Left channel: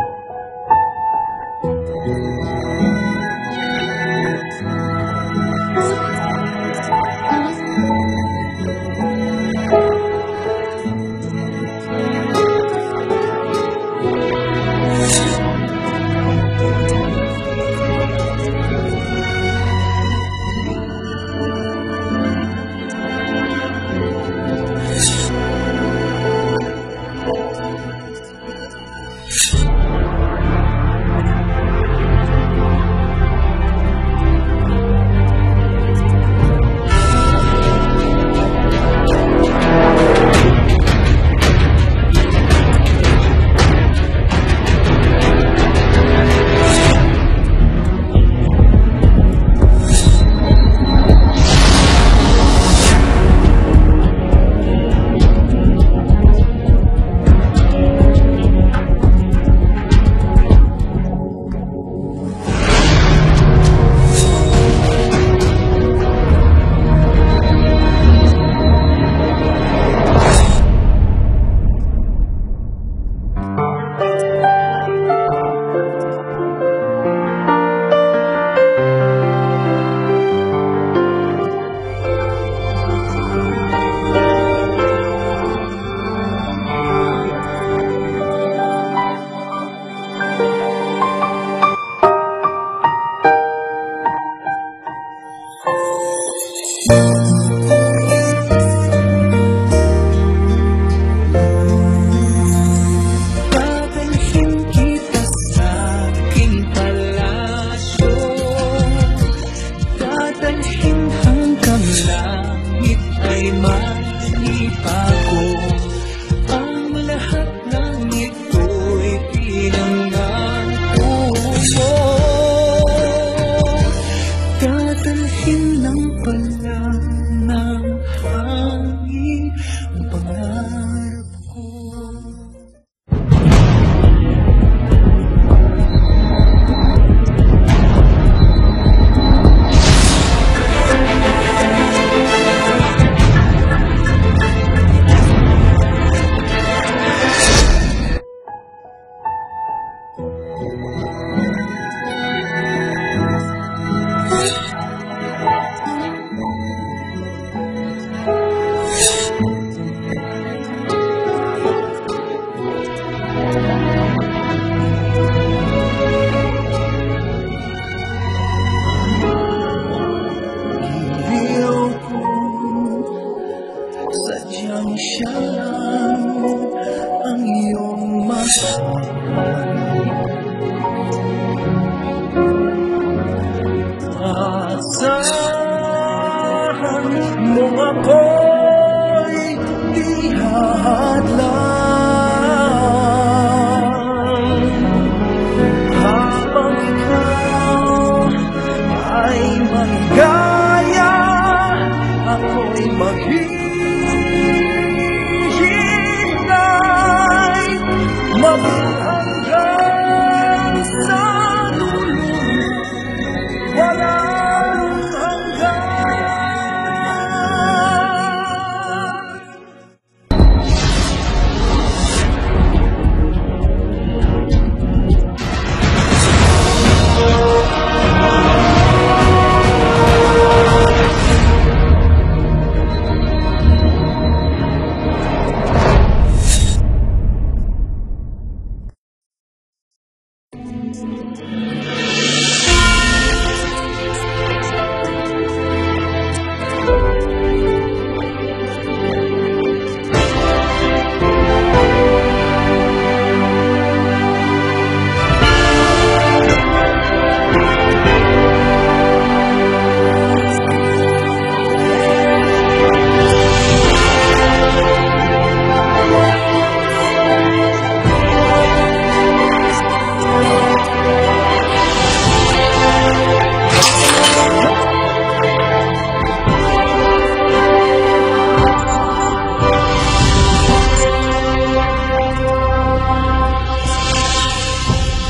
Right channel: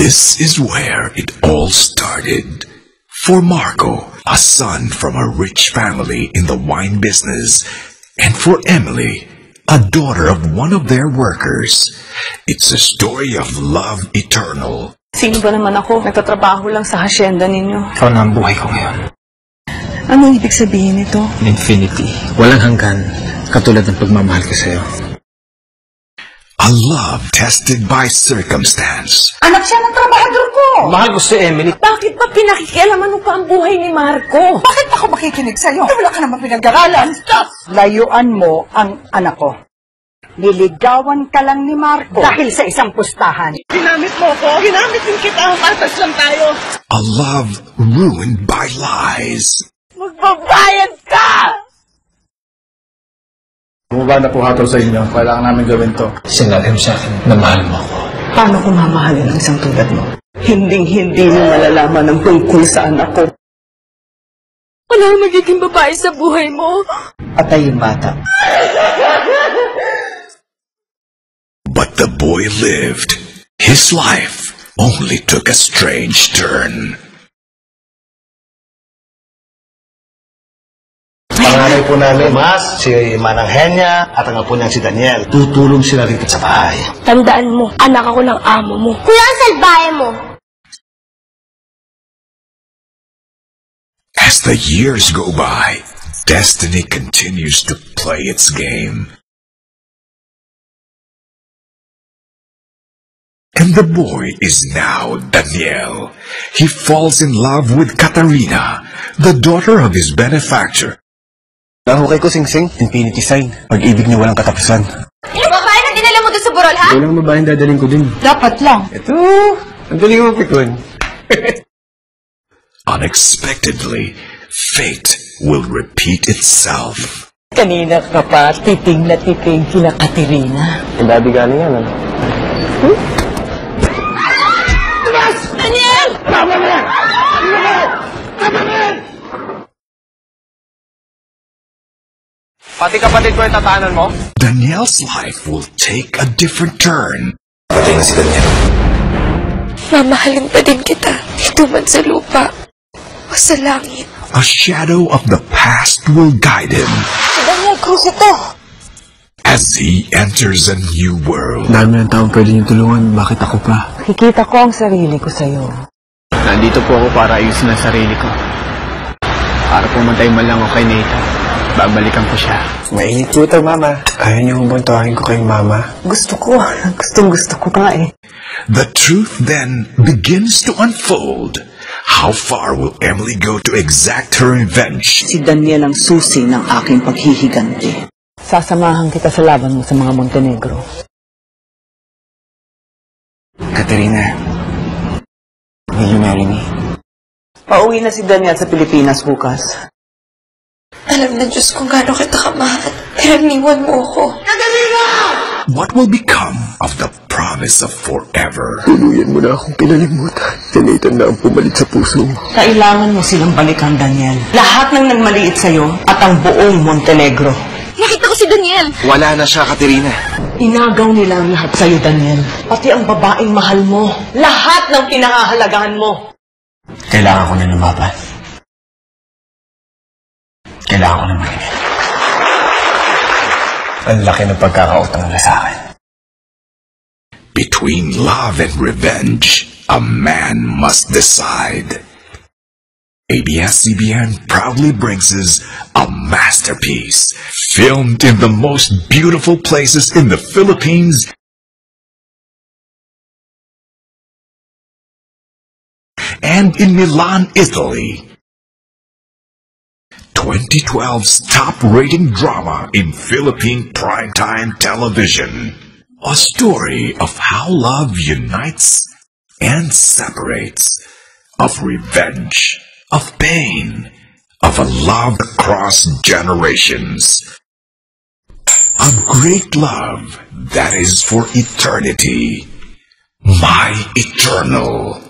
This is where it all started. For Marco, a son from a rich family in the wine business, and for Emily, a daughter of one of their workers. It's a story of love eternal. Sino ba naman ako? Nagtatrabaho lang sa hacienda ninyo. Ikaw na ang buhay ko ngayon. Anong ibig sabihin nito? Infinity. Walang hanggan. Katulad ng pagmamahal ko sa'yo. A love tested by circumstance. Anak siya ng trabahador ko! Mahal ko si Emily. Bakit pa pinakikialaman mo pa ang buhay ni Marco? Bakit pa ako makikinig sa'yo? Wala ka naman pinag-aralan. Layuan mo ang anak ko. Liligawan ka lang ni Marco dahil sa isang pustahan. Ginamit mo ko? Ginamit din kita. Masas lang tayo. A love ruined by lies. Babayad ka! Bumaba na po hatol sa inyo. Kailangan namin gawin to. Sinabi mo sa akin na mahal mo ako. Paano ko mamahalin ang isang tulad mo? Hinding-hindi mo malalaman ang tungkol sa anak ko. Wala na magiging babae sa buhay mo. Patay yung bata. But the boy lived. His life only took a strange turn. Panganay po namin, Mas, si Manang Henya, at ang po niyan si Daniel. Tutulong sila rito sa bahay. Tandaan mo, anak ako ng amo mo. Kuya, ang salbahe mo. As the years go by, destiny continues to play its game. And the boy is now Daniel. He falls in love with Katarina, the daughter of his benefactor. Nahukay ko, Sing-Sing. Infinity Sign. Pag-ibig niya walang katapusan. Yung babae na dinala mo doon sa burol, ha? Walang babaeng dadaling ko din. Dapat lang. Ang daling mo, Pikon. Unexpectedly, fate will repeat itself. Kanina ka pa, titing na titing sina Katerina. Ang daddy galing yan, ano? Daniel! Pati kapatid ko yung tatahanan mo? Daniel's life will take a different turn. Patay na si Daniel. Mamahalin pa din kita, dito man sa lupa o sa langit. A shadow of the past will guide him Si Daniel Cruz ito. as he enters a new world. Dami ng taong pwede niyong tulungan. Bakit ako pa? Nakikita ko ang sarili ko sa'yo. Nandito po ako para ayusin ang sarili ko. Para pumatay man lang ako kay Nathan. Babalikan ko siya. Mainit po ito, Mama. Ayaw niyo kumbuntuhin ko kay Mama. Gusto ko. Gusto ko nga eh. The truth then begins to unfold. How far will Emily go to exact her revenge? Si Daniel ang susi ng aking paghihiganti. Sasamahan kita sa laban mo sa mga Montenegro. Katerina. Will you marry me? Pauwi na si Daniel sa Pilipinas bukas. Alam na Diyos kung gaano kita kamahal. Pero iniwan mo ako. What will become of the promise of forever? Tuluyan mo na akong pinalimutan. Tinitan na ang pumalit sa puso mo. Kailangan mo silang balikan, Daniel. Lahat ng nagmaliit sa'yo at ang buong Montenegro. Nakita ko si Daniel. Wala na siya, Katerina. Inagaw nila ang lahat sa'yo, Daniel. Pati ang babaeng mahal mo. Lahat ng pinakahalagahan mo. Kailangan ko na lumaban. Kailangan ko na manigil. Ang laki ng pagkakautong na sa akin. Between love and revenge, a man must decide. ABS-CBN proudly brings us a masterpiece filmed in the most beautiful places in the Philippines and in Milan, Italy. 2012's top-rated drama in Philippine primetime television. A story of how love unites and separates, of revenge, of pain, of a love across generations. A great love that is for eternity. My Eternal.